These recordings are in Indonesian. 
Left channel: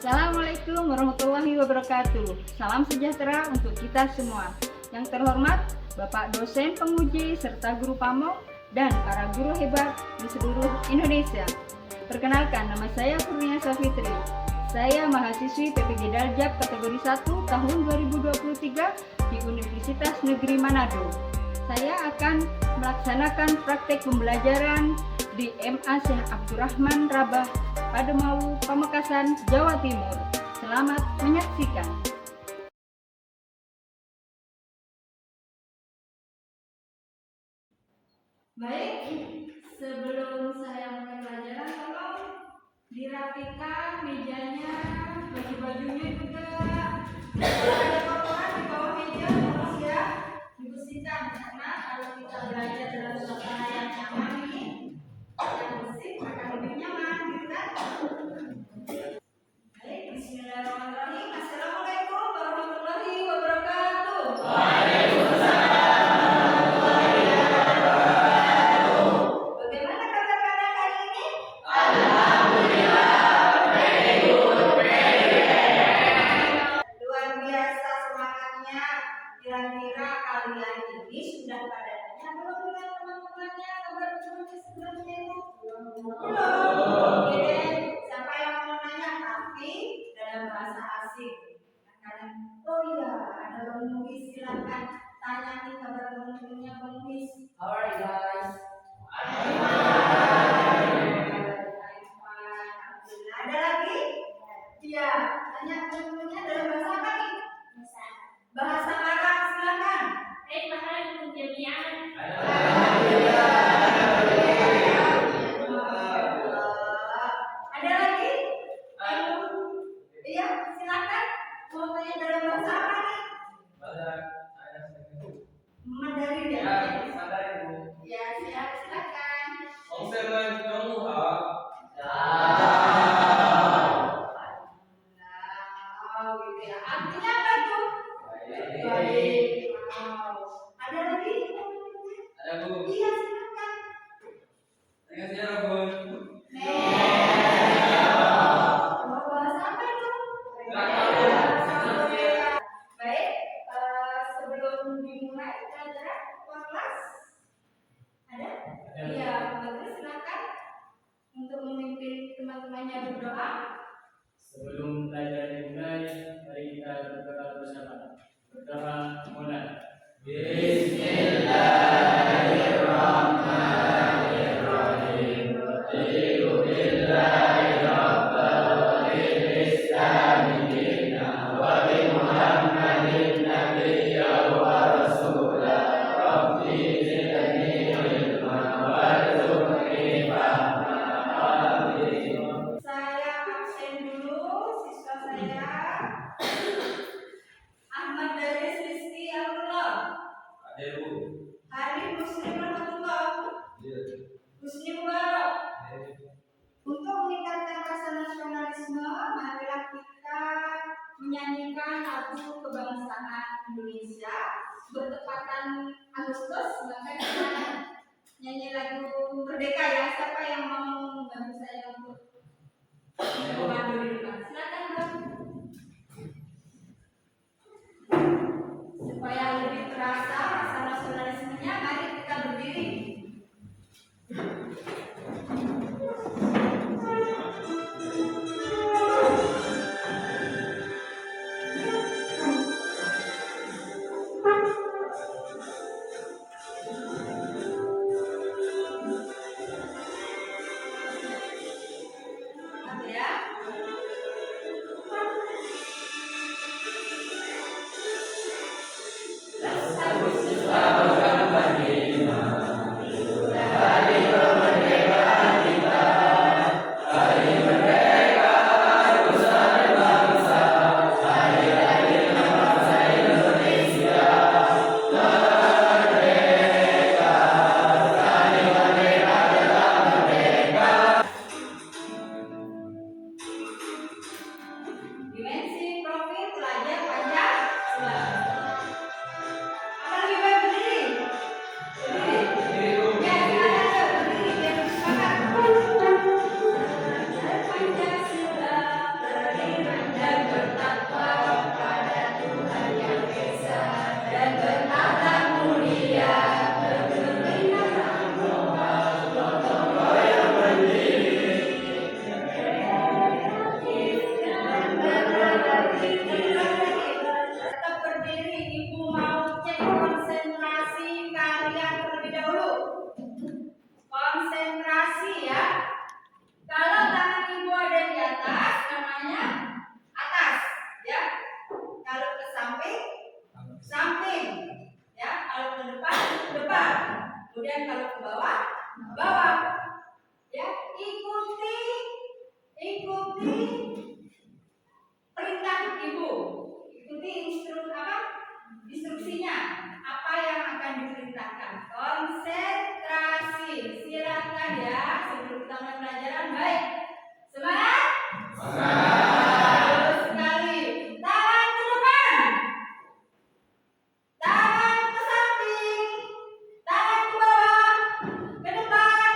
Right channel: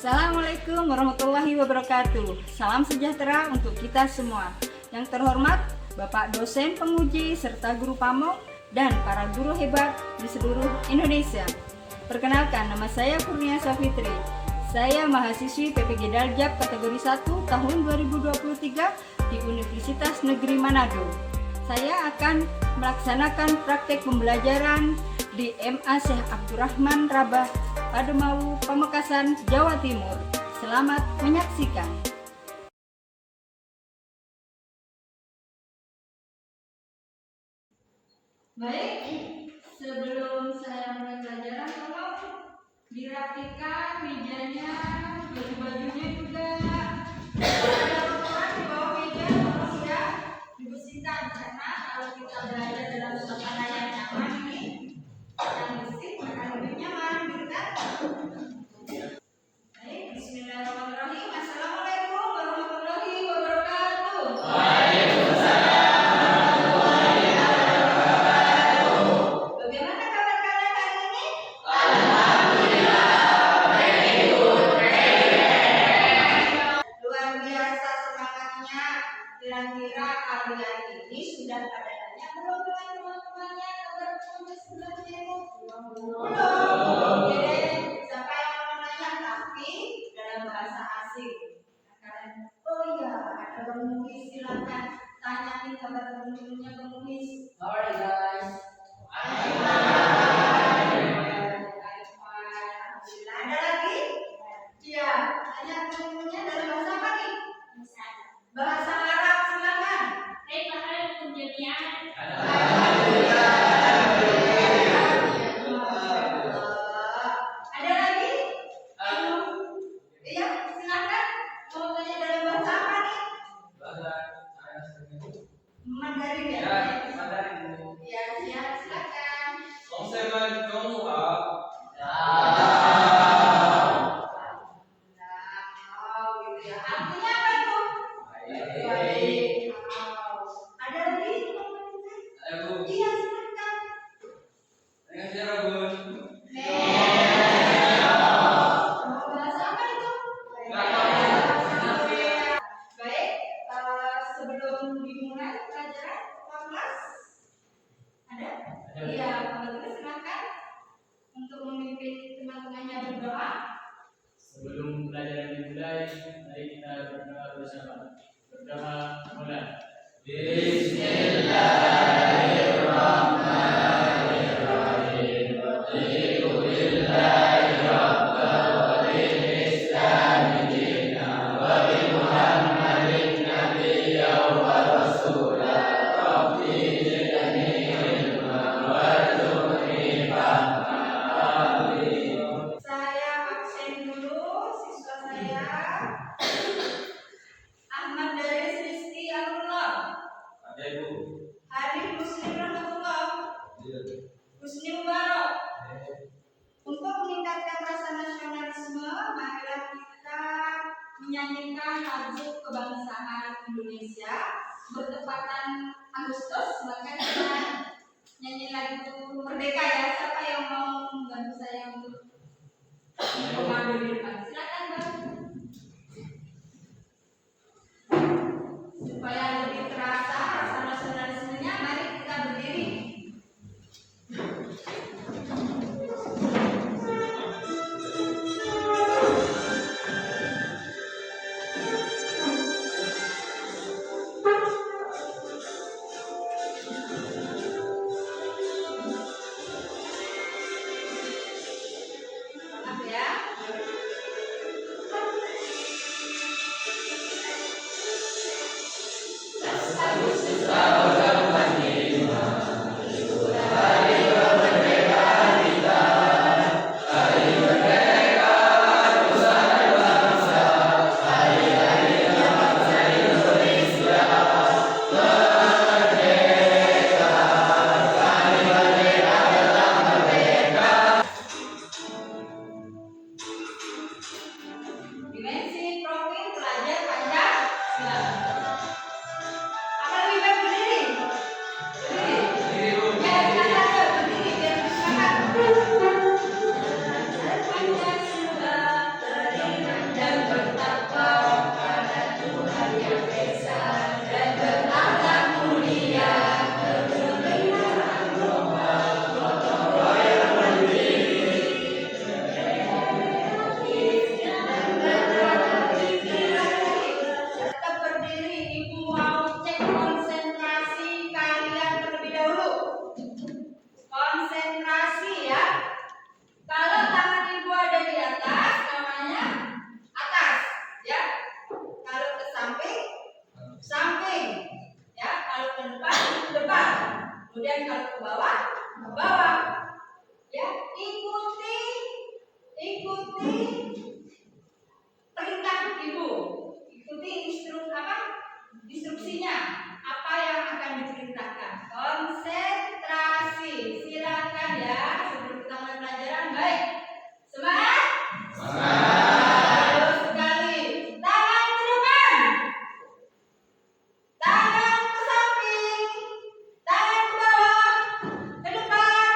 Assalamualaikum warahmatullahi wabarakatuh. Salam sejahtera untuk kita semua. Yang terhormat Bapak dosen penguji serta guru pamong dan para guru hebat di seluruh Indonesia. Perkenalkan, nama saya Kurnia Safitri. Saya mahasiswi PPG Daljab kategori 1 tahun 2023 di Universitas Negeri Manado. Saya akan melaksanakan praktek pembelajaran di MA Syekh Abdurrahman Rabah Pademau, Pamekasan, Jawa Timur. Selamat menyaksikan. Baik, sebelum saya mulai pelajaran, tolong dirapikan mejanya, baju-bajunya juga. Ada kotoran di bawah meja, tolong ya dibersihkan, karena kalau kita belajar dalam suasana yang nyaman ini, yang bersih akan lebih nyaman, gitu kan? Baik, bismillahirrahmanirrahim. Assalamualaikum warahmatullahi wabarakatuh. Bagaimana kabar kalian hari ini? Luar biasa semangatnya. Kira-kira kalian ini sudah pada tanya belum dengan teman-temannya kabar teman sebelumnya itu? Belum. Oke, siapa yang mau nanya tapi dalam bahasa asing? Kalian, oh iya, ada Bang Muhis, silakan tanya nih kabar teman-temannya Bang Muhis. Alright guys. Alhamdulillah. Ada lagi? Iya, tanya teman-temannya dalam bahasa apa nih? Bahasa Arab, silakan. Ada lagi? Iya, silakan. Mau tanya dalam bahasa apa nih? Mandarin ya? Ya, silakan. Wow, gitu ya. Artinya apa tuh? Baik. Wow. Ada lagi? Iya, silakan. Mau bahasa apa itu? Baik, sebelum dimulai pelajaran kelas ada? Iya, Bapak silakan untuk memimpin teman-temannya berdoa. Sebelum pelajaran dimulai, mari kita berdoa bersama. Berdoa mulai. Saya absen dulu, siswa saya Ahmad Daris Rizky Alullah, Hari Muslim Rahmatullah, Husni Mubarak. Untuk meningkatkan rasa nasionalisme, marilah kita menyanyikan lagu kebangsaan Indonesia. Bertepatan Agustus, maka kita nyanyi lagu Merdeka ya. Siapa yang mau membantu saya untuk memadu di depan? Silakan Bang. Supaya lebih terasa rasa nasionalismenya, mari kita berdiri. terasi ya. Kalau tangan ibu ada di atas, namanya atas, ya. Kalau ke samping, samping, ya. Kalau ke depan, depan. Kemudian kalau ke bawah, bawah. Ya, ikuti perintah ibu. Ikuti instruksinya. Apa yang akan diperintahkan? Konsentrasi. Silakan ya, sebelum kita mulai pelajaran. Baik. Semangat? Bagus sekali. Tangan ke depan. Tangan ke samping. Tangan ke bawah. Ke depan.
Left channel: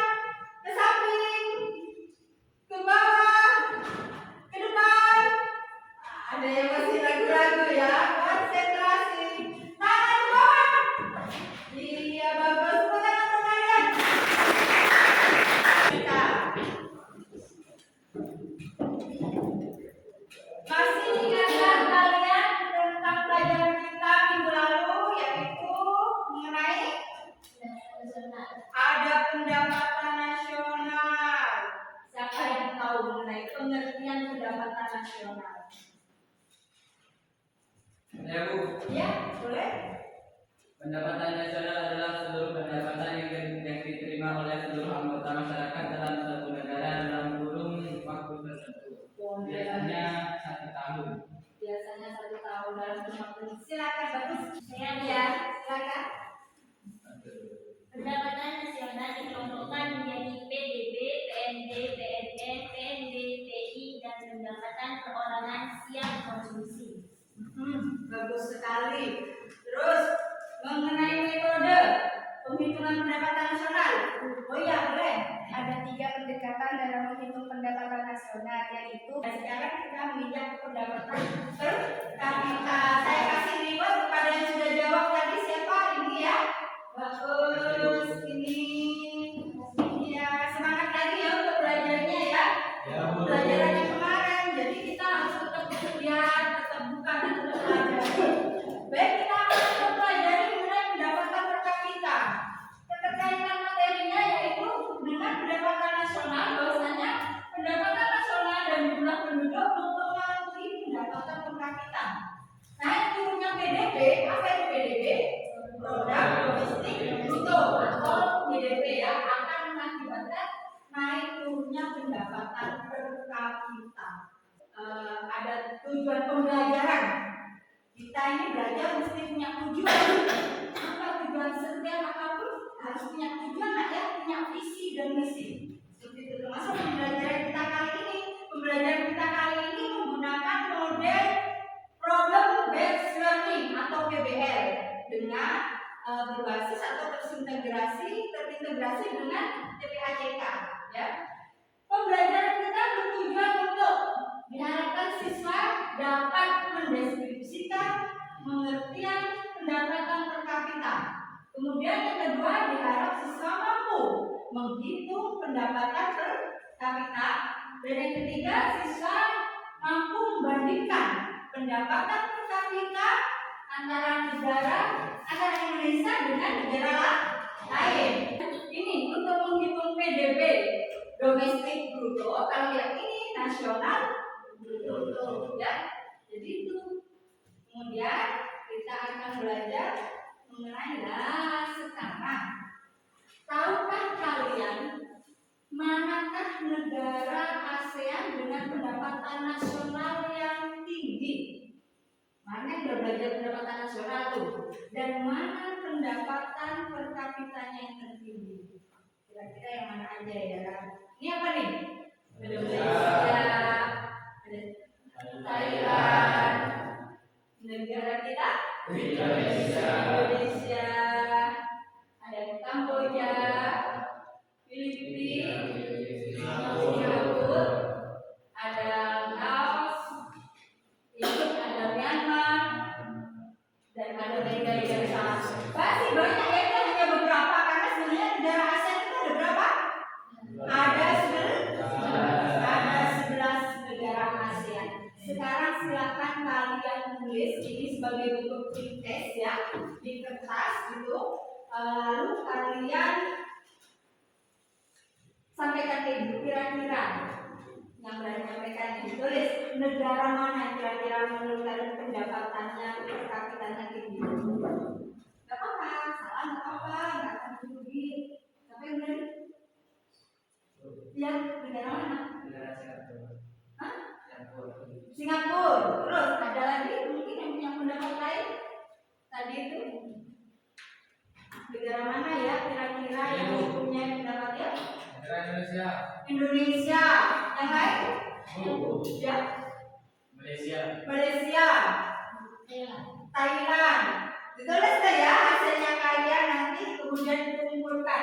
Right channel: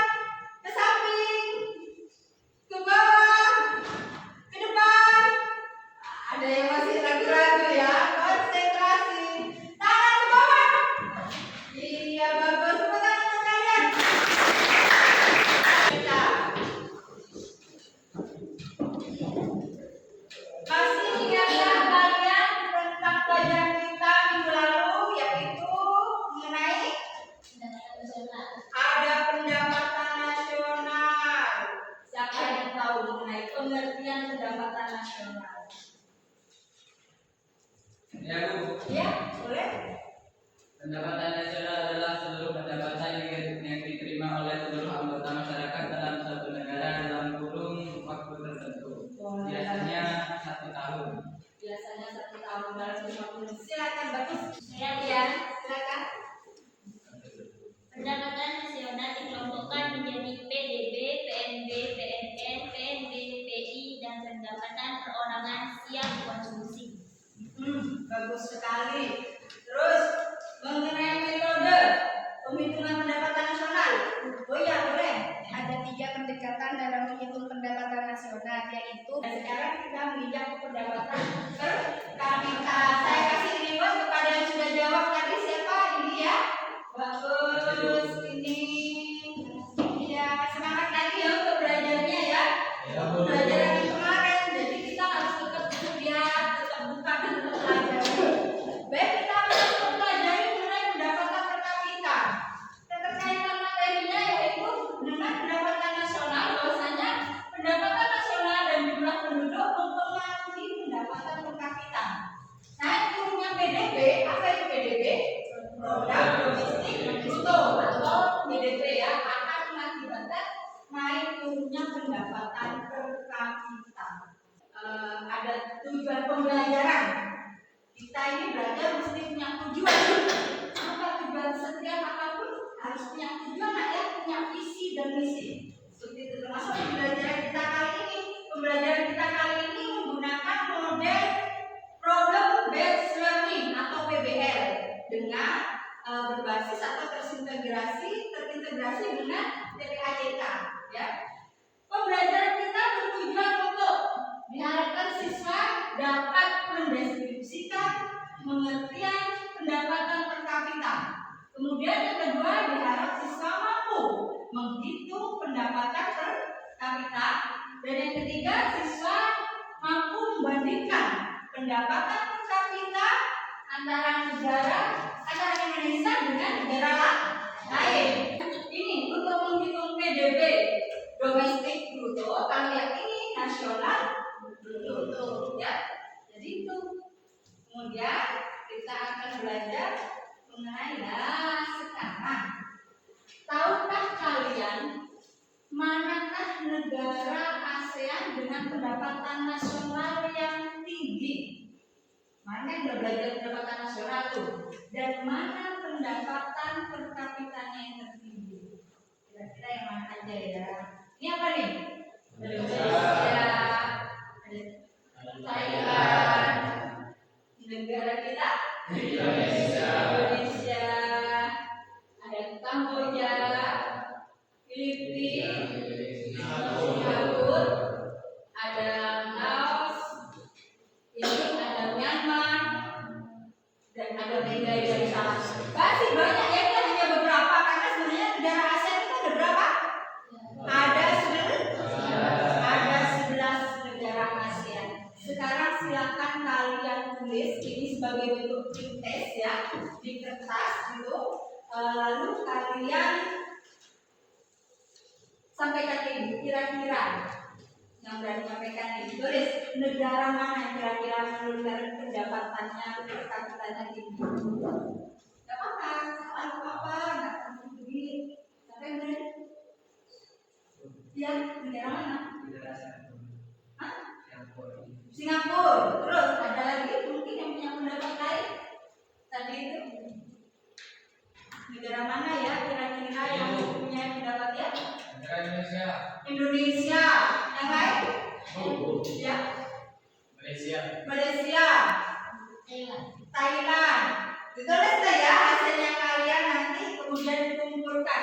Ke samping. Ke bawah. Ke depan. Ada yang masih ragu-ragu ya. Konsentrasi. Tangan ke bawah. Iya, bagus. Tepuk tangan untuk kalian. Kita masih ingatkah kalian tentang pelajaran kita minggu lalu, yaitu mengenai ada pendapatan nasional. Siapa yang tahu mengenai pengertian pendapatan nasional? Ya Bu, Ya, boleh. pendapatan nasional adalah seluruh pendapatan yang diterima oleh seluruh anggota masyarakat dalam suatu negara dalam kurun waktu tertentu. Biasanya 1 tahun. Biasanya 1 tahun dalam waktu. Silakan bagus. Ya, silakan. Pendapatan nasional dikelompokkan menjadi PDB, PNB, PNN, PNB, PI, dan pendapatan perorangan siap konsumsi. Bagus sekali. Terus mengenai metode penghitungan pendapatan nasional. Oh iya, boleh. Ada 3 pendekatan dalam menghitung pendapatan nasional, yaitu Dan sekarang kita menginjak ke pendapatan per kapita. Saya kasih reward kepada yang sudah jawab tadi. Siapa? Ini ya. Bagus. Ini ya. Semangat lagi ya untuk belajarnya ya. Pelajaran yang kemarin. Jadi kita harus tetap lihat, tetap buka dan tetap pelajari. Baik, kita akan mempelajari mengenai pendapatan per kapita. Keterkaitan materinya yaitu dengan pendapatan nasional, bahwasanya pendapatan nasional dan jumlah penduduk mempengaruhi pendapatan per kapita. Naik turunnya PDB, apa itu PDB? Produk domestik bruto atau PDB ya, akan mengakibatkan naik turunnya pendapatan per kapita. Ada tujuan pembelajaran. Kita ini belajar mesti punya tujuan. Apa tujuan? Setiap apapun harus punya tujuan, ya, punya visi dan misi. Seperti itu termasuk pembelajaran kita kali ini. Pembelajaran kita kali ini menggunakan model problem based learning atau PBL dengan berbasis atau terintegrasi dengan TPACK ya. Pembelajaran kita bertujuan untuk diharapkan siswa dapat mendeskripsikan pengertian pendapatan per kapita. Kemudian yang kedua, diharap siswa mampu menghitung pendapatan per kapita. Dan yang ketiga, siswa mampu membandingkan pendapatan per kapita antara Indonesia dengan negara lain. Ini untuk menghitung PDB domestik bruto, kalau yang ini nasional bruto ya. Jadi itu. Kemudian kita akan belajar mengenai sekarang. Tahukah kalian manakah negara ASEAN dengan pendapatan nasional yang tinggi? Mana yang udah belajar pendapatan nasional tuh? Dan mana pendapatan per kapitanya yang tertinggi? Kira-kira yang mana aja ya? Ini apa nih? Indonesia, Thailand, negara kita Indonesia, ada Kamboja, Filipina, Singapura, ada Laos, ini ada Myanmar, dan ada Brunei Darussalam. Masih banyak ya, ini hanya beberapa karena sebenarnya negara ASEAN itu ada berapa? Ada 11 negara ASEAN. Sekarang silakan kalian tulis ini sebagai bentuk test ya di kertas gitu. Lalu kalian Sampaikan ke ibu kira-kira yang berani menyampaikan ini. Tulis negara mana yang kira-kira menurut pendapatannya per kapitanya tinggi. Gak apa-apa, salah gak apa-apa, gak akan rugi. Sampai benar? Ya, negara mana? Negara Singapura. Hah? Singapura. Singapura. Terus ada lagi mungkin yang punya pendapat lain? Tadi itu negara mana ya kira-kira yang punya pendapat ya? Negara Indonesia. Indonesia. Yang lain? Ya. Malaysia. Malaysia. Thailand. Thailand. Ditulis deh ya hasilnya kalian nanti kemudian dikumpulkan.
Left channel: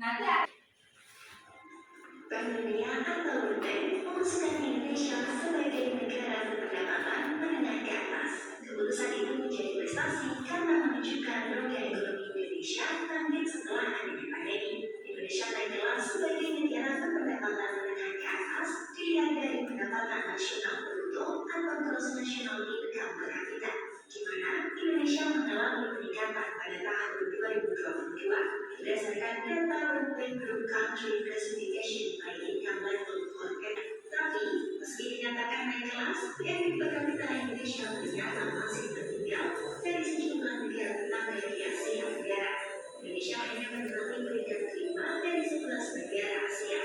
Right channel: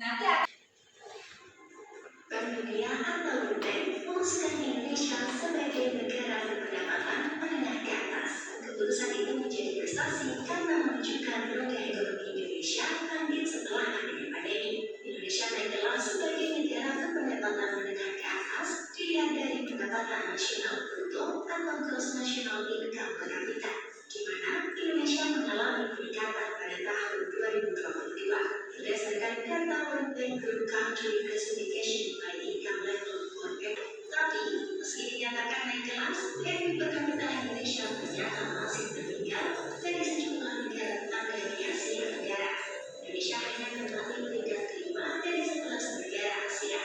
Nanti Bank Dunia atau World Bank mengusulkan Indonesia sebagai negara berpendapatan menengah ke atas. Keputusan itu menjadi prestasi karena menunjukkan roda ekonomi Indonesia bangkit setelah adanya pandemi. Indonesia terkenal sebagai negara berpendapatan menengah ke atas dilihat dari pendapatan nasional bruto atau gross national income per kapita, di mana Indonesia mengalami peningkatan pada tahun 2022 berdasarkan data World Bank Group Country Classification by Income Level for PEP. Tapi, meski dinyatakan naik kelas, PNB per kapita Indonesia ternyata masih tertinggal dari sejumlah negara tetangga di Asia Tenggara. Indonesia hanya menempati peringkat kelima dari 11 negara Asia.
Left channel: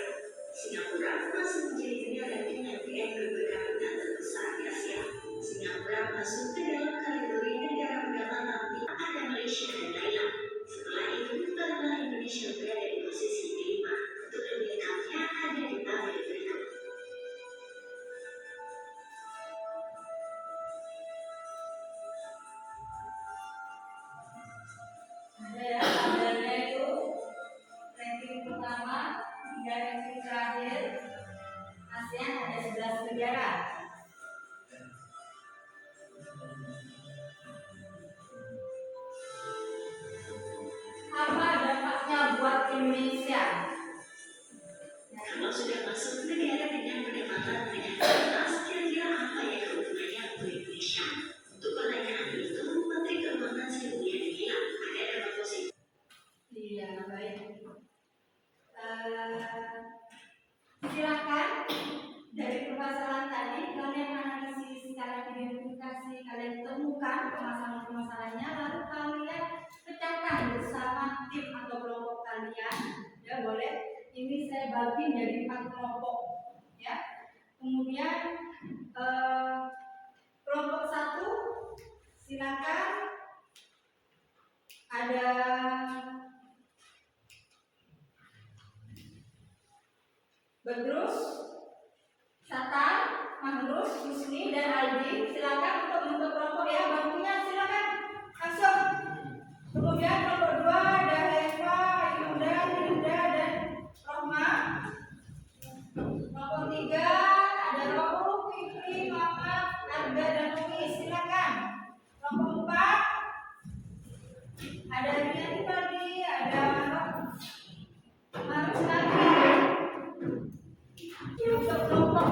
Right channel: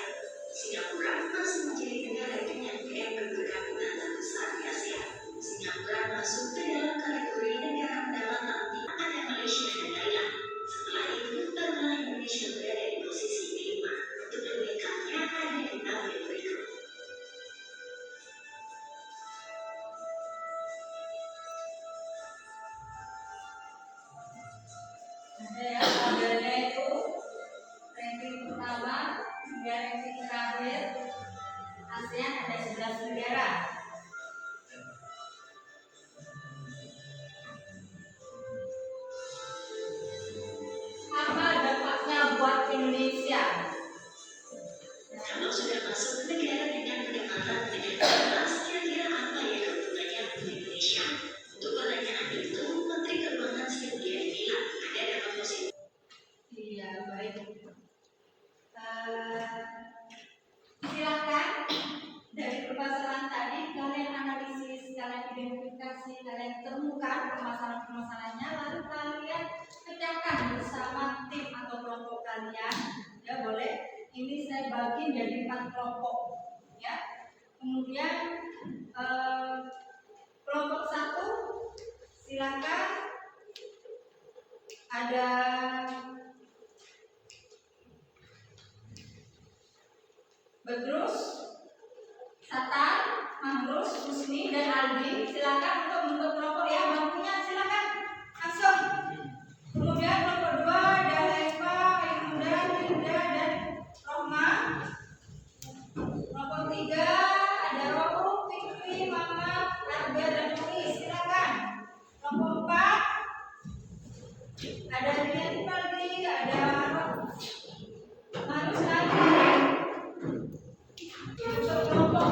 Singapura masih menjadi negara dengan PNB per kapita terbesar di Asia. Singapura masuk ke dalam kategori negara pendapatan tinggi, ada Malaysia dan Thailand. Setelah itu, barulah Indonesia berada di posisi kelima. Untuk lebih lengkapnya ada di tabel berikut. ada ya tabelnya itu ranking pertama hingga ranking terakhir. ASEAN ada 11 negara. Apa dampaknya buat Indonesia? Kalau sudah masuk negara dengan pendapatan menengah ke atas, kira-kira apa ya keuntungannya untuk Indonesia? Untuk pertanyaan itu, Menteri Keuangan Sri Mulyani bilang ada dampak positif. Iya, baik. Silakan dari permasalahan tadi kalian analisis, kalian identifikasi, kalian temukan permasalahan-permasalahannya, lalu kalian pecahkan bersama tim atau kelompok kalian. Ya boleh. Ini saya bagi jadi 4 kelompok. Ya. Kemudian kelompok 1 silakan ada Bedrus, Satan, Mahrus, Husni, dan Aldi. Silakan untuk membentuk kelompok ya, bangkunya silakan langsung. Kemudian kelompok 2 ada Eva, Maimunda, Linda, dan Rohma. Kelompok 3 ada Rohu, Fikri, Mamat, Arga, dan Muiz. Silakan. Kelompok 4 ada Rian Faldi, ada Marus lagi. Untuk kelompok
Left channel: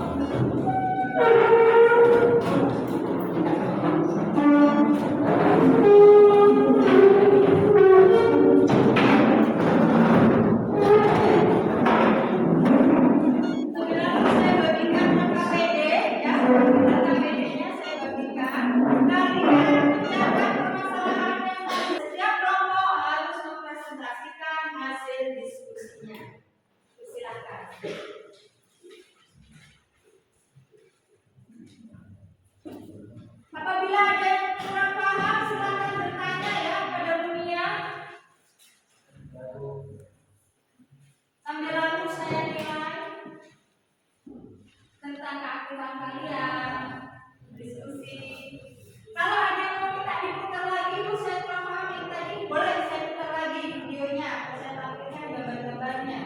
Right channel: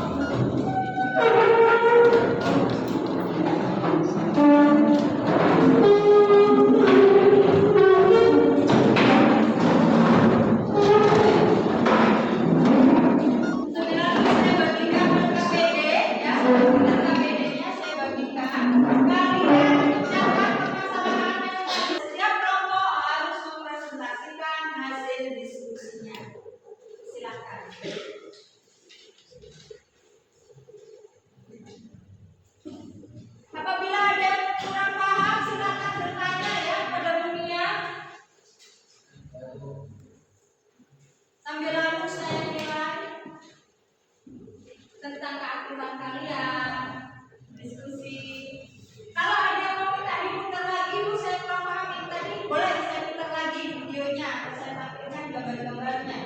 apabila ada yang kurang paham silakan bertanya ya pada dunia. Sambil lalu saya nilai tentang keaktifan kalian, diskusi. Kalau ada yang mau minta diputar lagi, Bu, saya kurang paham yang tadi, boleh saya putar lagi videonya, saya tampilkan gambar-gambarnya.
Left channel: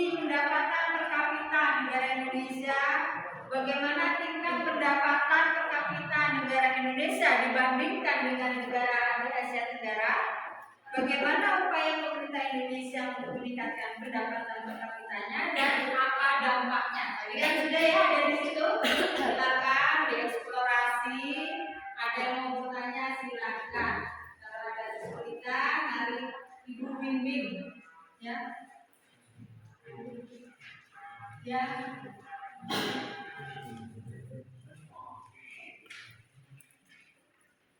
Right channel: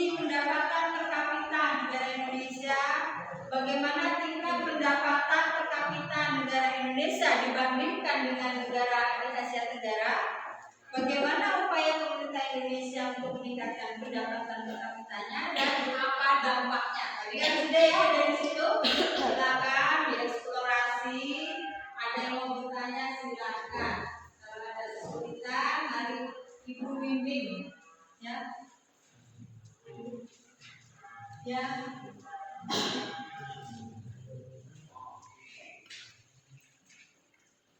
kondisi pendapatan per kapita negara Indonesia, bagaimana tingkat pendapatan per kapita negara Indonesia dibandingkan dengan negara Asia Tenggara, bagaimana upaya pemerintah Indonesia untuk meningkatkan pendapatan per kapitanya dan apa dampaknya. Tadi kan sudah ya ada di situ, silakan dieksplorasi. Ada yang mau bertanya silakan. Kalau ada kesulitan, mari Ibu bimbing, ya. Ya.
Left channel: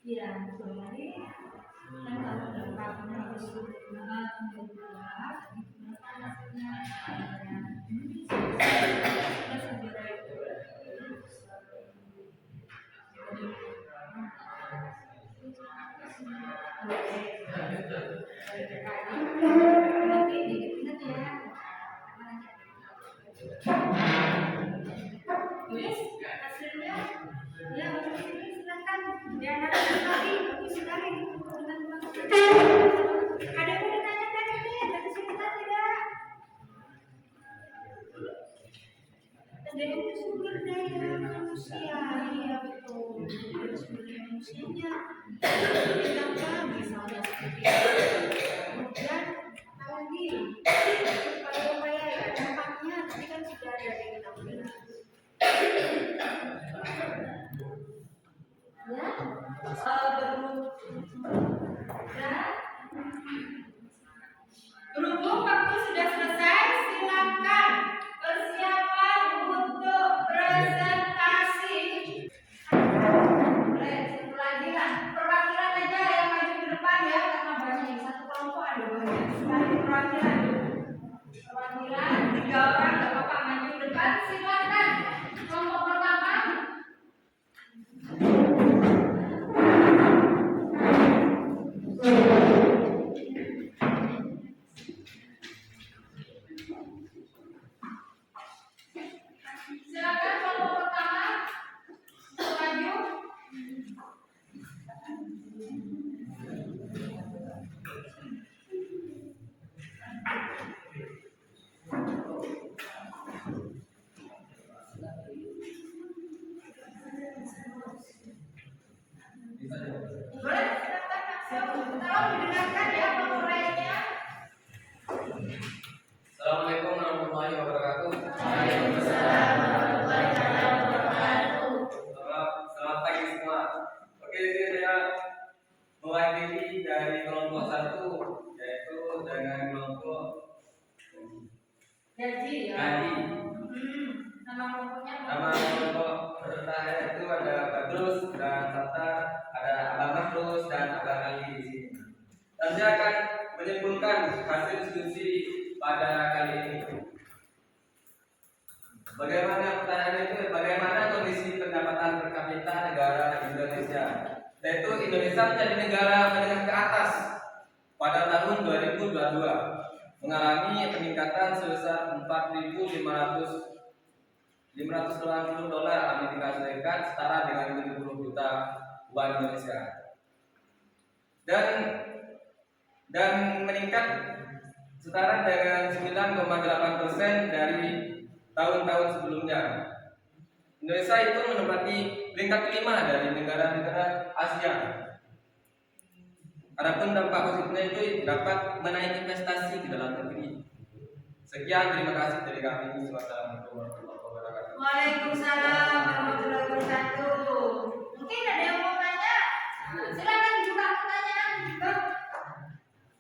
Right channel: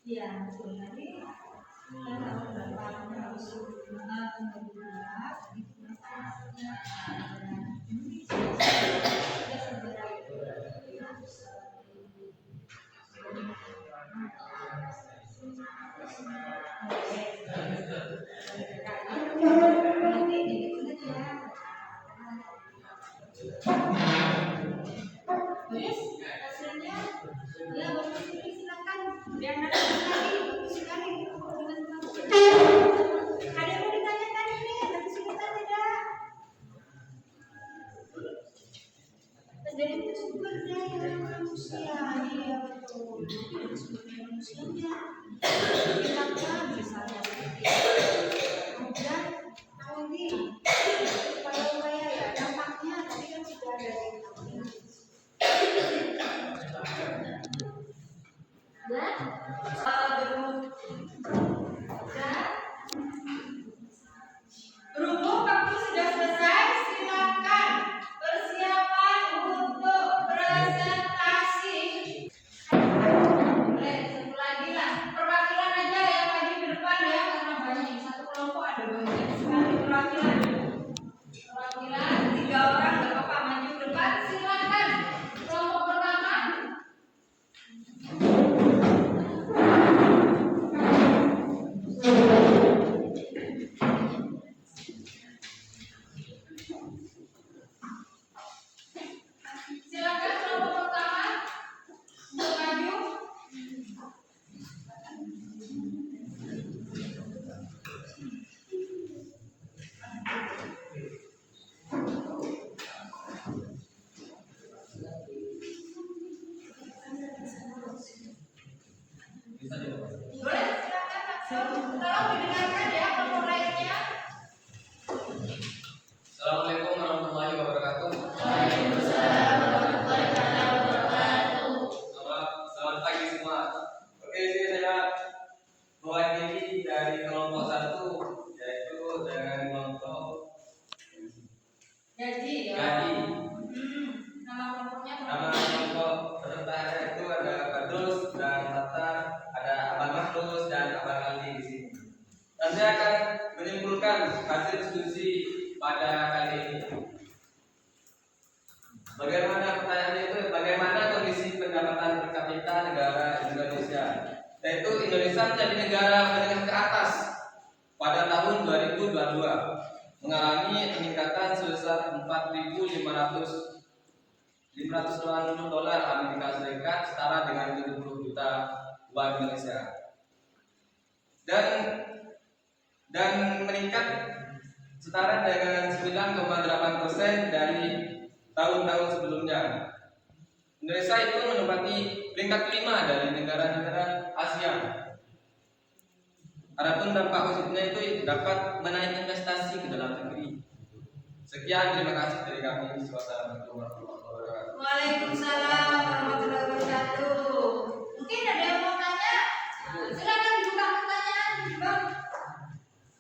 Iya, betul tadi. Kan kalau dampaknya harus bergerak, itu masalahnya ini sudah segera itu. Nanti dikit ya. Terus hasilnya ya bagus ini silakan biar nanti lagi bagus sekali teman-teman. Ada yang mau ditanyakan ini tadi kesulitan tidak? Dari itu sumber daya manusia, iya betul. Dari sumber daya manusianya kita misalnya seperti itu. Kemudian lagi upaya-upaya ya dampaknya tadi kan sudah ada yang kita bilang. Berhubung waktu sudah selesai, silakan persiapan untuk presentasi. Boleh satu lagi lah, perwakilan aja yang maju ke depan ya karena banyak satu kelompok ada banyak sekali perwakilan. Perwakilan 3 orang nggak apa-apa maju ke depan silakan. Kelompok pertama. Silakan kelompok pertama untuk maju. Boleh silakan. Tolong didengarkan ya kelompok lainnya. Assalamualaikum warahmatullahi wabarakatuh. Selamat pagi semua. Oke, sini saya mewakili dari kelompok 1 yaitu dengan kelompok Gaji ya. Gaji. Nama kelompoknya Nama kelompok peserta itu ada Badrus dan Tata, ada Abang Markus dan Abang Ali di sini. Dan saya akan menyimpulkan hasil diskusi pada kali ini. Bagaimana pertanyaannya itu? Bagaimana kondisi pendapatan per kapita negara Indonesia? Yaitu Indonesia menjadi negara menengah ke atas pada tahun 2022, mengalami peningkatan sebesar 4.590 dolar Amerika Serikat, setara dengan 70 juta uang Indonesia. Dan meningkat setara dengan 9,8% dari tahun-tahun sebelumnya. Indonesia itu menempati peringkat kelima dari negara-negara Asia. Adapun dampak positifnya itu dapat menaik investasi ke dalam negeri. Sekian, terima kasih dari kami. Wassalamualaikum warahmatullahi wabarakatuh. Waalaikumsalam warahmatullahi wabarakatuh. Mungkin ada yang mau tanya? Silakan dibuka pertanyaan, Bang.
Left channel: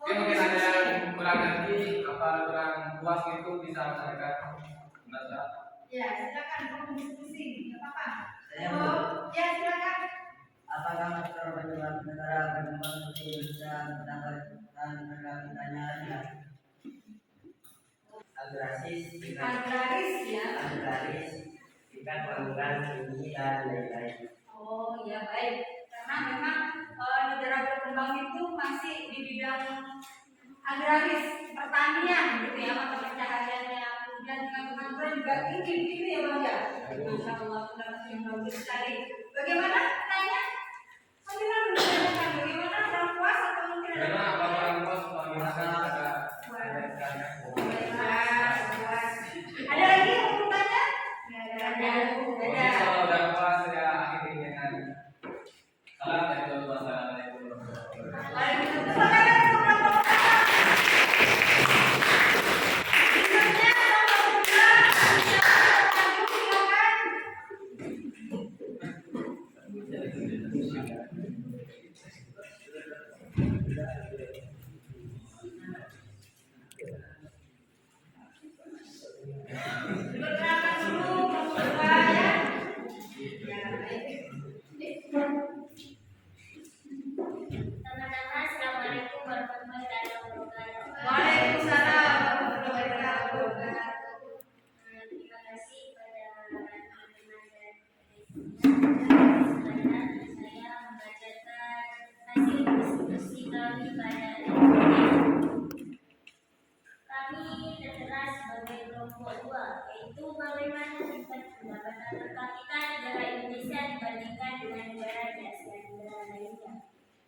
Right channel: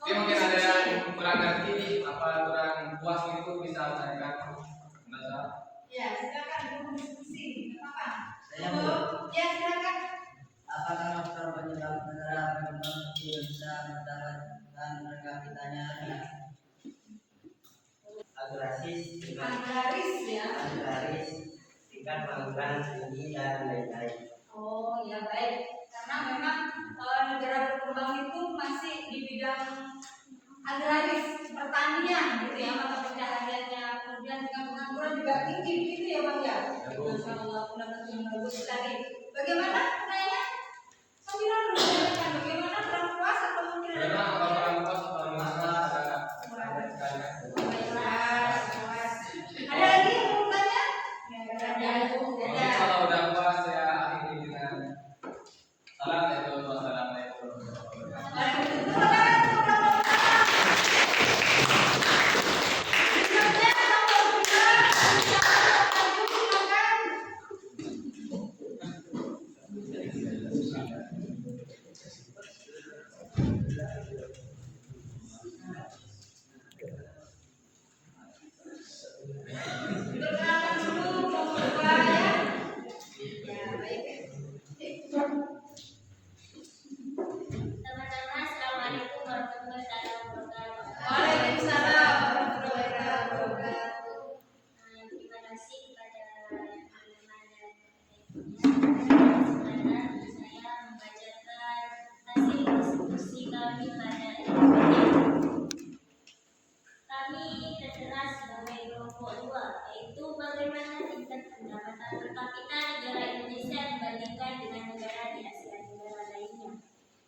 Oke, mungkin ada yang kurang ngerti, apa kurang puas itu bisa mereka merasa. Ya, silakan berdiskusi, nggak apa-apa. Saya mau. Ya, silakan. Apakah faktor penyebab negara berkembang seperti Indonesia mendapatkan per kapitanya rendah? Agraris, Agraris ya. agraris, tingkat pengangguran tinggi dan lain-lain. Oh, iya baik. Karena memang negara berkembang itu masih di bidang agraris, pertanian gitu ya, mata pencahariannya. Kemudian dengan pengangguran juga tinggi gitu ya Bang ya. Masya Allah, pendapat yang bagus sekali. Bagaimana pertanyaan? Sambilan menanyakan bagaimana kurang puas atau mungkin ada Bagaimana apa kurang puas atau gimana ada sekali? Baiklah, warahmatullahi wabarakatuh. Waalaikumsalam warahmatullahi wabarakatuh. Terima kasih kepada teman-teman dan kesempatan saya membacakan hasil diskusi kami pada hari ini. Kami tertera sebagai kelompok 2, yaitu bagaimana tingkat pendapatan per kapita negara Indonesia dibandingkan dengan negara di Asia Tenggara lainnya.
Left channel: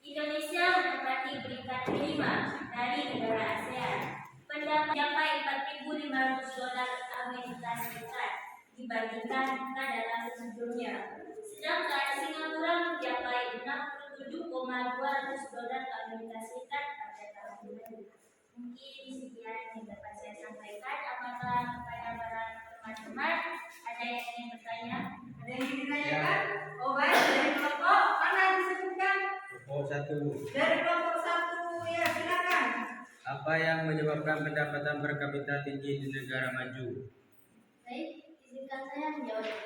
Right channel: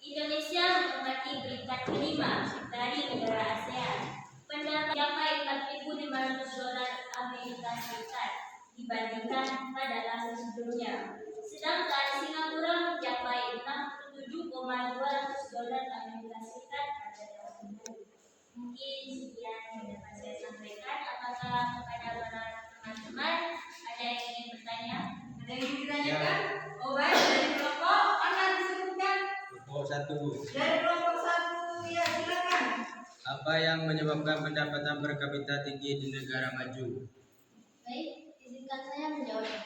Indonesia menempati peringkat kelima dari negara ASEAN. Pendapat mencapai $4.500 Amerika Serikat dibandingkan pada tahun sebelumnya. Sedangkan Singapura mencapai $67.200 Amerika Serikat pada tahun lalu. Mungkin sekian yang dapat saya sampaikan. Apakah kepada para teman-teman ada yang ingin bertanya? Ada yang ingin ditanyakan? Oh baik, dari kelompok mana disebutkan? Kelompok 1. Dari kelompok 1, ya silakan. Apa yang menyebabkan pendapatan per kapita tinggi di negara maju? Baik, izinkan saya menjawab.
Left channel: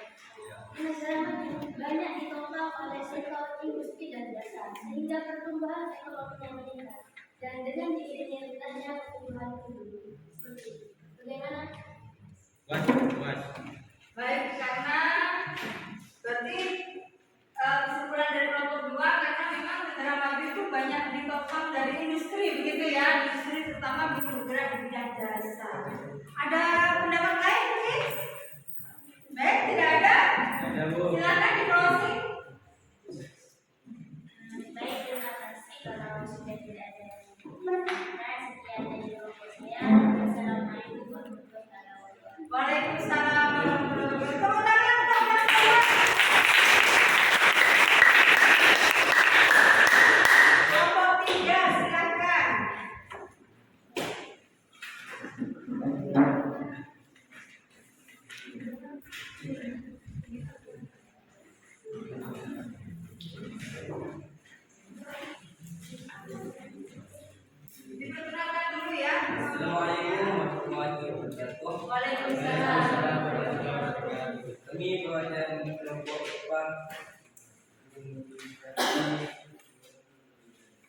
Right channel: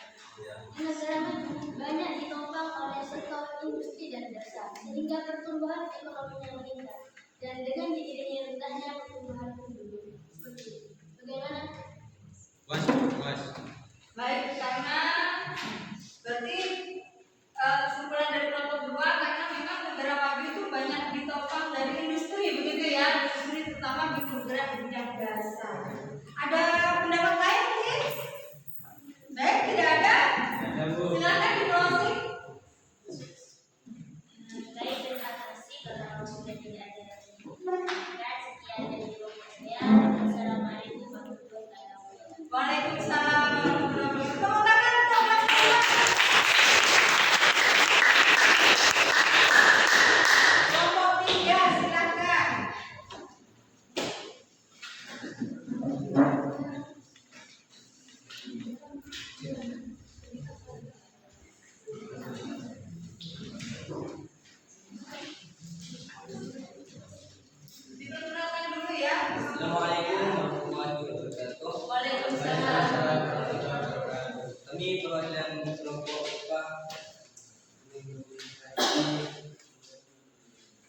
Di negara maju banyak ditopang oleh sektor industri dan jasa, sehingga pertumbuhan ekonominya meningkat. Dan dengan diiringi rendahnya pertumbuhan penduduk. Seperti itu. Bagaimana? Was. Baik, karena berarti kesimpulan dari kelompok 2 karena memang negara maju itu banyak ditopang dari industri, begitu ya, industri terutama bergerak di bidang jasa. Ada pendapat lain mungkin? Baik, tidak ada. Silakan di closing. Baik, terima kasih. Kalau sudah tidak ada yang menanyakan, sekian dari kelompok saya. Assalamualaikum warahmatullahi wabarakatuh. Waalaikumsalam warahmatullahi wabarakatuh. Tepuk tangan untuk Mas Iwan. Kelompok 3, silakan. Diperkenalkan dulu ya. Assalamualaikum warahmatullahi wabarakatuh. Waalaikumsalam. Kami perwakilan kelompok IPA.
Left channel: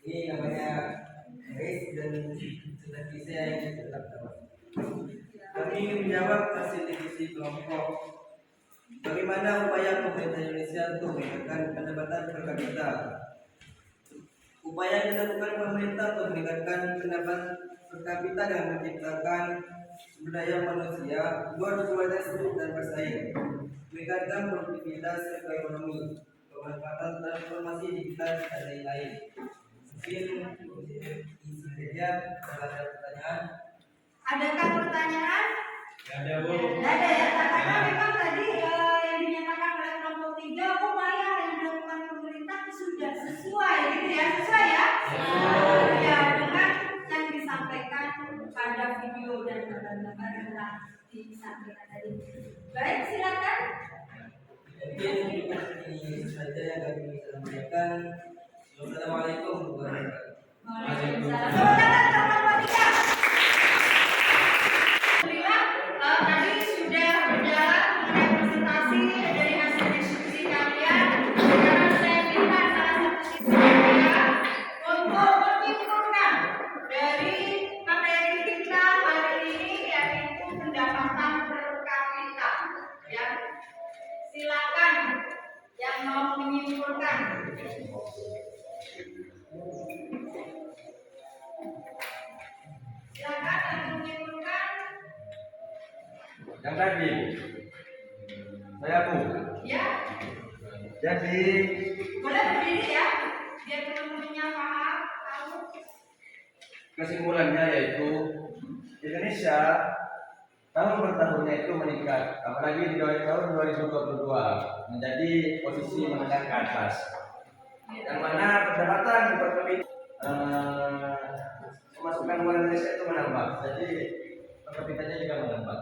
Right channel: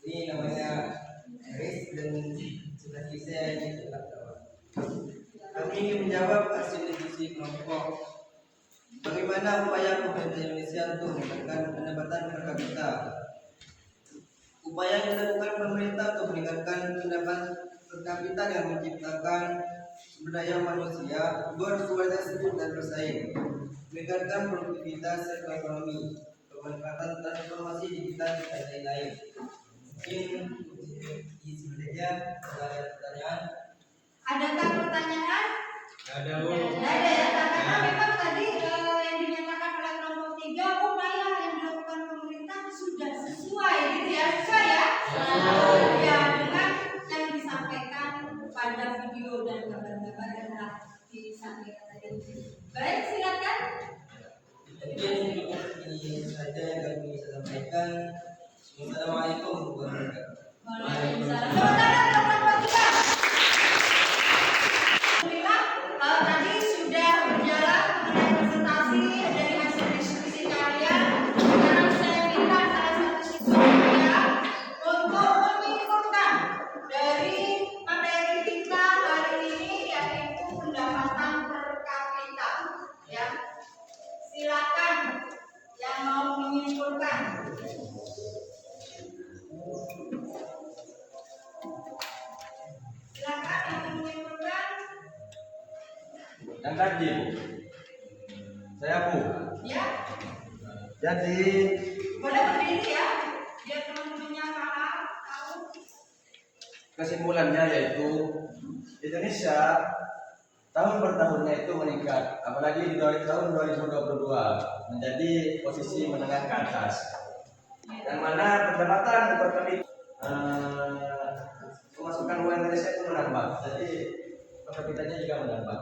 Ini namanya Haris dan sebagai saya yang tetap tahu. Kami ingin menjawab hasil diskusi kelompok. Bagaimana upaya pemerintah Indonesia untuk meningkatkan pendapatan per kapita? Upaya yang dilakukan pemerintah untuk meningkatkan pendapatan per kapita dengan menciptakan sumber daya manusia berkualitas hidup dan bersaing, meningkatkan produktivitas sektor ekonomi, pemanfaatan transformasi digital dan lain-lain. Mungkin itu saja. Kalau ada pertanyaan, Adakah pertanyaan? Ada Tidak ada ya, karena memang tadi yang dinyatakan oleh kelompok 3 upaya yang dilakukan pemerintah sudah sesuai gitu ya, sesuai ya? Ya, dengan yang disampaikan pada video dan gambar-gambar yang telah disampaikan tadi. Baik, silakan. mungkin ini saja yang kami bisa sampaikan. Wassalamualaikum warahmatullahi wabarakatuh. Waalaikumsalam. Saudara kelompok 3. Alhamdulillah, tadi sudah berjalan mengenai presentasi dari hasil diskusi kalian. Sekarang saya minta salah satu siswa saya untuk menyimpulkan dari materi kita hari ini, yaitu pendapatan per kapita. Ya, silakan yang mau menyimpulkan. Silakan yang mau menyimpulkan. yang tadi saya Bu. Ya, Jadi boleh berdiri ya, biar teman-temannya paham, tahu. kesimpulannya yaitu Indonesia tahun per tahunnya itu meningkat, apalagi di tahun 2022 menjadi posisi menengah ke atas. Yang mana pendapatan per kapita pemasukan uang Indonesia itu menambah, jadi per kapitanya juga menambah.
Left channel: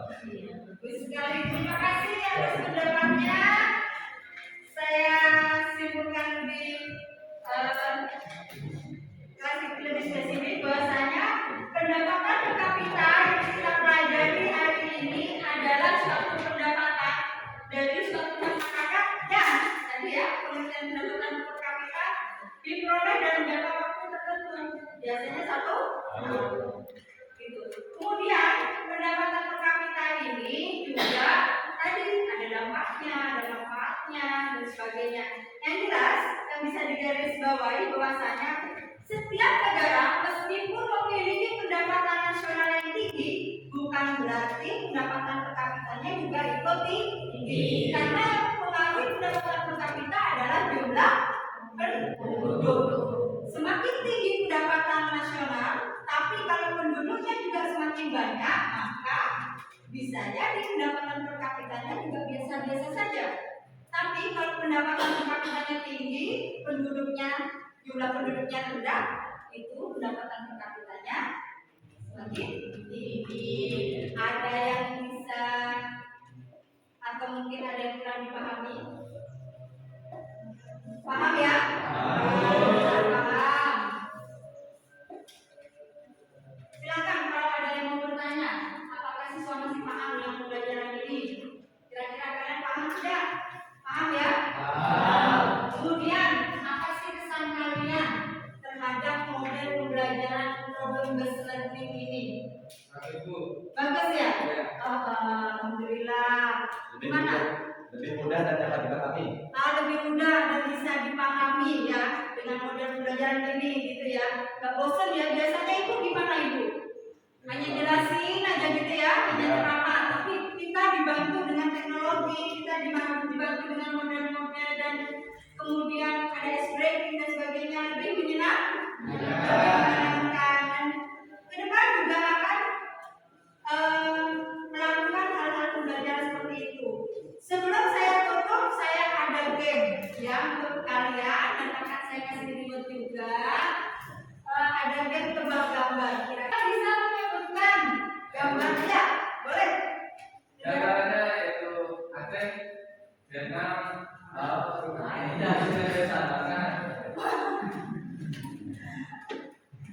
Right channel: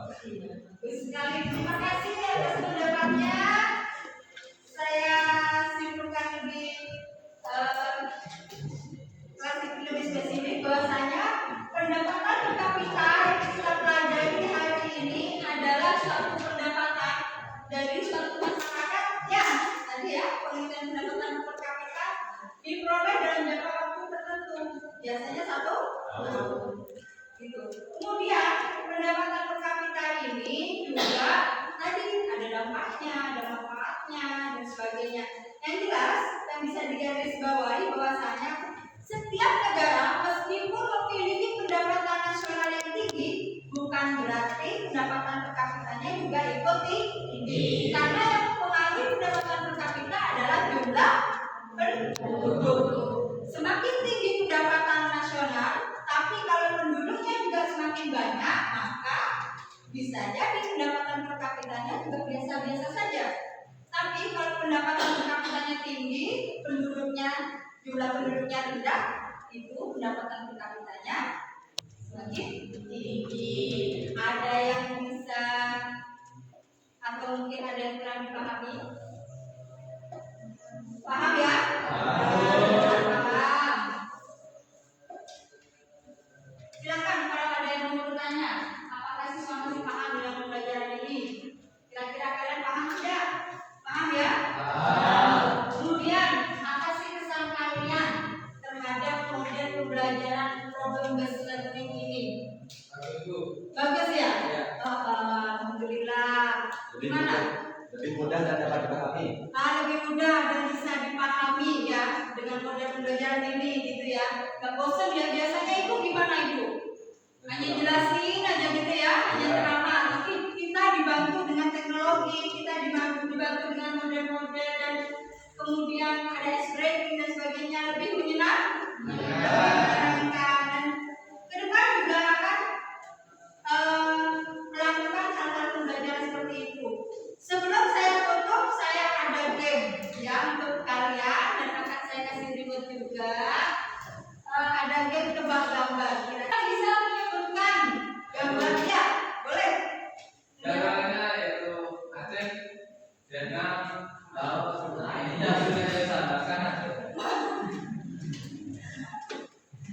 Bagus sekali, terima kasih atas pendapatnya. Saya simpulkan lebih spesifik bahwasanya pendapatan per kapita yang kita pelajari hari ini adalah suatu pendapatan dari suatu masyarakat yang tadi ya, pengertian pendapatan per kapita diperoleh dalam jangka waktu tertentu, biasanya 1 Gitu. Kemudian pendapatan per kapita ini juga tadi ada dampaknya, ada manfaatnya dan sebagainya. Yang jelas yang bisa digarisbawahi bahwasanya setiap negara meskipun memiliki pendapatan nasional yang tinggi, bukan berarti pendapatan per kapitanya juga ikut tinggi. Karena yang mempengaruhi pendapatan per kapita adalah jumlah penduduk. Semakin tinggi pendapatan nasional, tapi kalau penduduknya juga semakin banyak, maka bisa jadi pendapatan per kapitanya juga biasa-biasa saja. Tapi kalau pendapatan per kapitanya tinggi, jumlah penduduknya rendah, itu pendapatan per kapitanya semakin tinggi. Ada yang bisa atau mungkin ada yang kurang dipahami? Paham ya? Paham. Silakan kalau ada yang mau bertanya, apakah siswa masih paham dengan pembelajaran ini? Kira-kira kalian paham tidak? Paham ya? Paham. Kemudian, apa sih kesan kalian terhadap model pembelajaran problem based learning ini? Bagus, Bu. Bagus ya? Ya. Alhamdulillah. Gimana? Lebih mudah dan dapat dipahami. Lebih mudah dan bisa dipahami ya dengan model pembelajaran ini gitu ya. Gak bosan ya, biasanya ibu gimana ibu? Hanya jelasin aja gitu ya, hanya terapkan. Tapi kita dibantu dengan teknologi, kita dibantu dengan model-model dan kemudian ada ice breaking dan sebagainya, lebih menyenangkan. Dan ke depan juga akan melakukan hal-hal pembelajaran seperti itu. Sebelum saya tutup, saya ada game ya untuk kalian dan akan saya kasih reward juga. Ada game tebak gambar. Kira-kira bisa menyebutkan gambarnya? Boleh? Gambarnya itu Aceh, Vietnam, Laos, Indonesia sudah disamakan.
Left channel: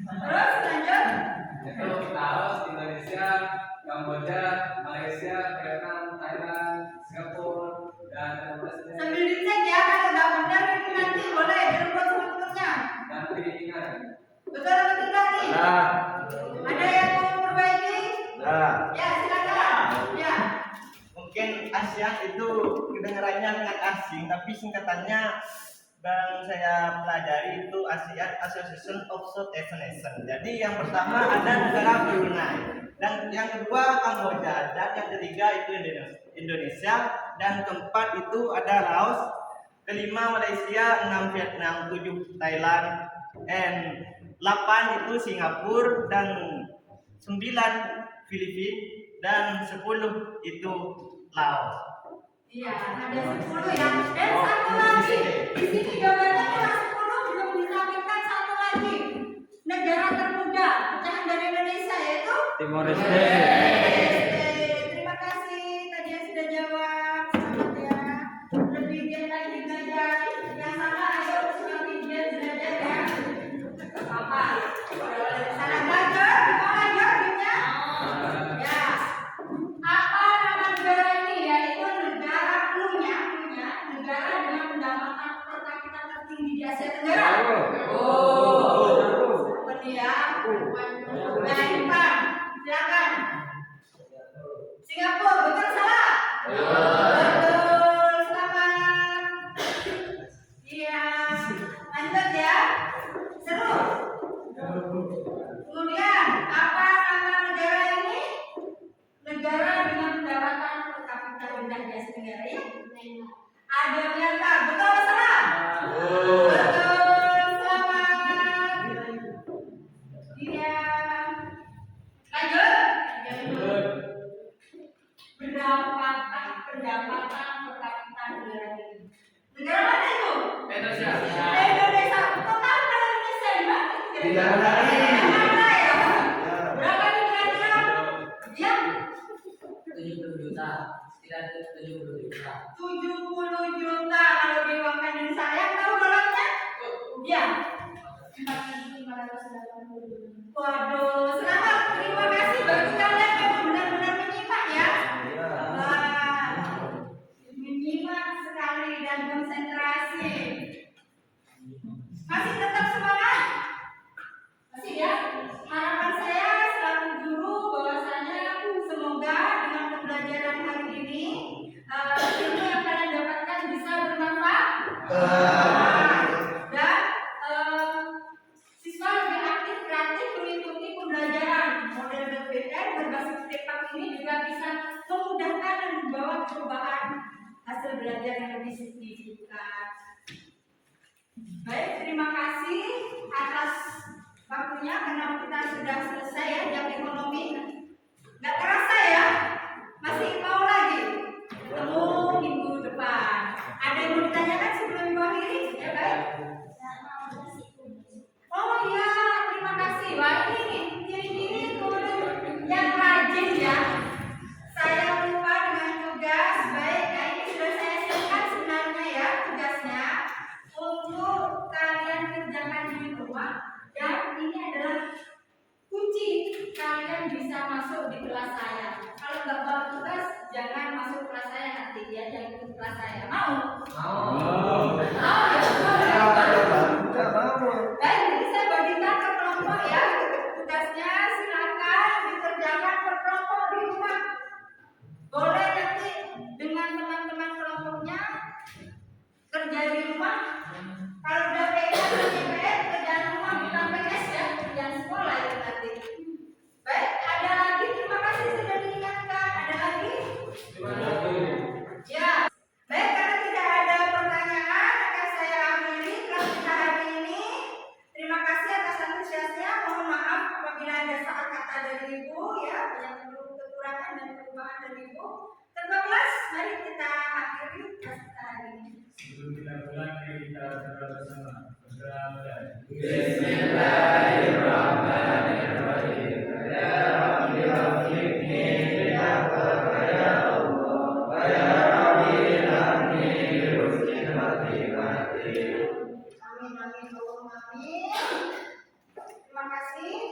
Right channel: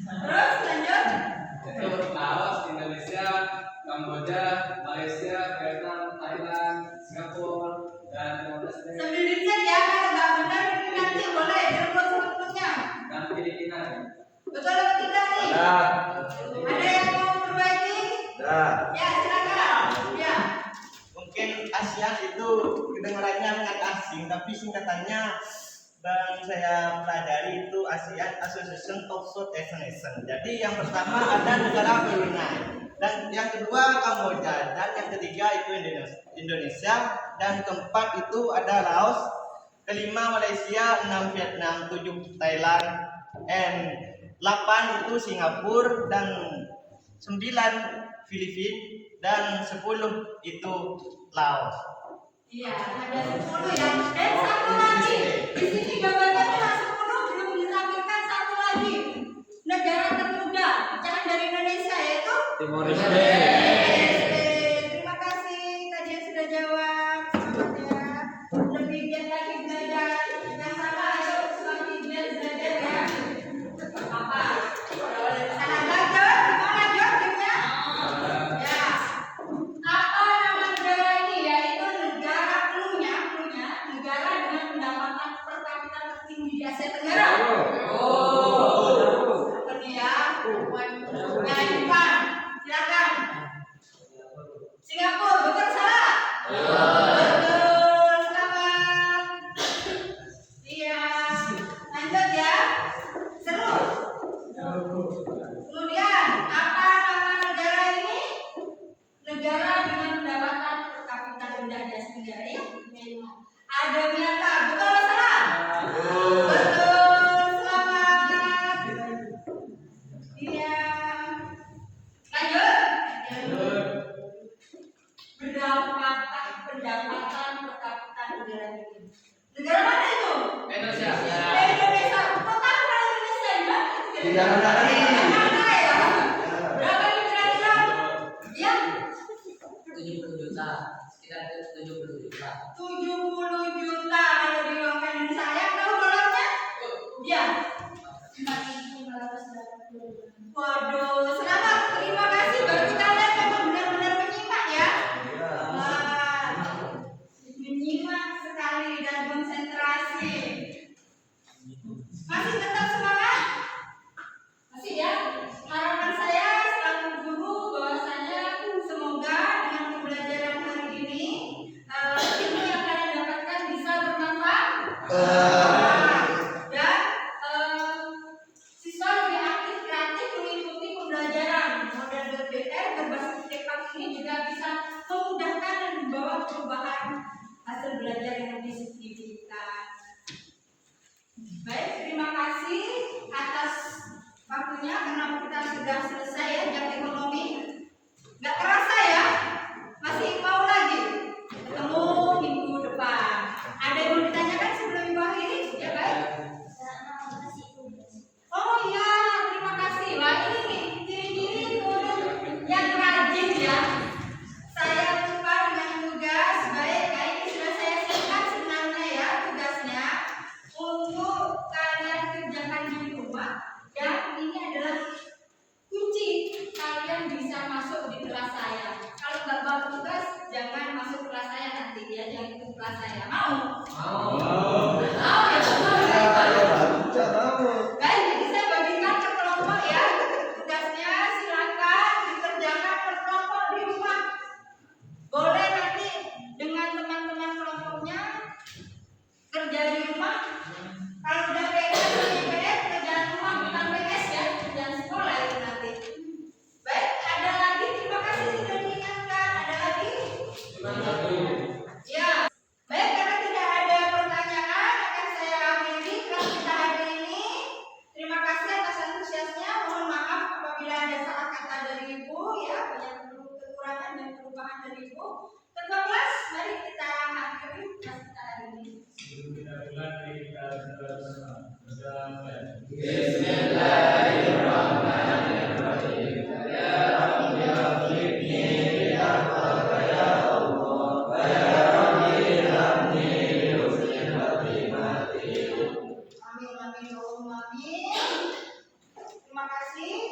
Terus lanjut. Itu Laos, Indonesia, Kamboja, Malaysia, Vietnam, Thailand, Singapura, dan Sambil dicek ya, kalau nggak benar ini nanti boleh direbut sebetulnya. dan Filipina. Betul atau tidak nih? Ya. Ada yang mau perbaiki? Ya. Ya silakan. Ya. Mungkin ASEAN itu kedengarannya sangat asing, tapi singkatannya yang saya pelajari itu ASEAN Association of Southeast Nations. Jadi yang pertama ada negara Brunei, dan yang kedua Kamboja, dan yang ketiga itu Indonesia, dan keempat itu ada Laos, kelima Malaysia, 6 Vietnam, 7 Thailand, and 8 itu Singapura, dan 9 Filipina, dan 10 itu Laos. Iya, ada 10 ya. Dan satu lagi, di sini gambarnya cuma 10, belum ditampilkan satu lagi. Negara termuda, pecahan dari Indonesia yaitu Timor Terima kasih tadi yang sudah jawab. Selamat ya. Lebih giat lagi belajar. Yang sama ayo semakin giat belajar ya. Apa? Salah gagal, gimana jawabnya? Ya. Apa nama negara ini? Yaitu negara cluenya negara dengan pendapatan per kapita tertinggi di Asia Tenggara. Apa nih ya? Nah, Jepang. Silakan. Singapura, betul salah? Betul, selamat. Iya. Lanjut ya. Seru. Kemudian, apa nama negara ini? Negara dengan pendapatan per kapita rendah di Asia Tenggara ya? Ada Myanmar, betul atau salah? Betul, selamat. Iya. Lanjut. Pendapatan per kapita negara ini. Negara mana itu? Indonesia. Indonesia. Kok tahu kalau Indonesia di mana? Di mana lagi? Mana ya? Berapa nih kira-kira? Ya, 70 juta, sekitar 70 juta. 70 juta kalau di uang Indonesia. Yang tahu dolarnya? Ya. 4.580. Waduh, selamat. Terima kasih bagi kalian memang benar-benar menyimak ya. Wah, menyimak sekali dan konsentrasi. Masih tetap semangat? Masih ya? Harapan saya membawa perubahan hasil belajar yang lebih signifikan. Baik, terima kasih atas waktunya karena kita sudah selesai ya jam ekonomi. Nggak terasa ya, masih mau lagi ketemu minggu depan. Ada yang mau ditanyakan sebelum minggu akhiri? Ya baik. Nggak mau kasih tugas. Oh iya, terima kasih. Wah ini nih ciri-ciri murid yang rajin ya. Saya lupa dengan tugas. Baik, nah ini sudah saya siapkan sebenarnya ya tugasnya untuk kalian kerjakan di rumah. Dan ini adalah kunci kalian bisa masuk di kelas saya. Kalau nggak bawa tugas, jangan masuk kelas saya nanti ya, jangan ikut kelas saya. Mau? Mau ya? Baik, jadi saya bagikan ke kelompok ya. Tugasnya silakan dikerjakan per kelompok di rumah. Boleh nanti dengan teman-teman kelompoknya kerja di rumah. Kalau udah PS atau IPS, kerjaan rumah bukan PS ya, kerjaan sekolah itu nanti. Baik, ada lagi? Terima kasih sudah diingatkan. Ada lagi? Ya. Baik, karena tidak ada pertanyaan, akan saya akhiri kelas kita hari ini. Terima kasih atas antusiasnya. Mohon maaf apabila ada salah kata dari Ibu ya, banyak kekurangan dan perubahan dari Ibu. Ketua kelas, mari kita akhiri kelas kita hari ini. Sebelum kita mulai, mari kita berdoa bersama. Berdoa mulai. Bismillahirrahmanirrahim. Ya Rabbi wafiqni bitaqwaka ya Allah. Wa ya Rabbi hamni husnil khatimati. Amin, amin, Allahumma amin. Terima kasih.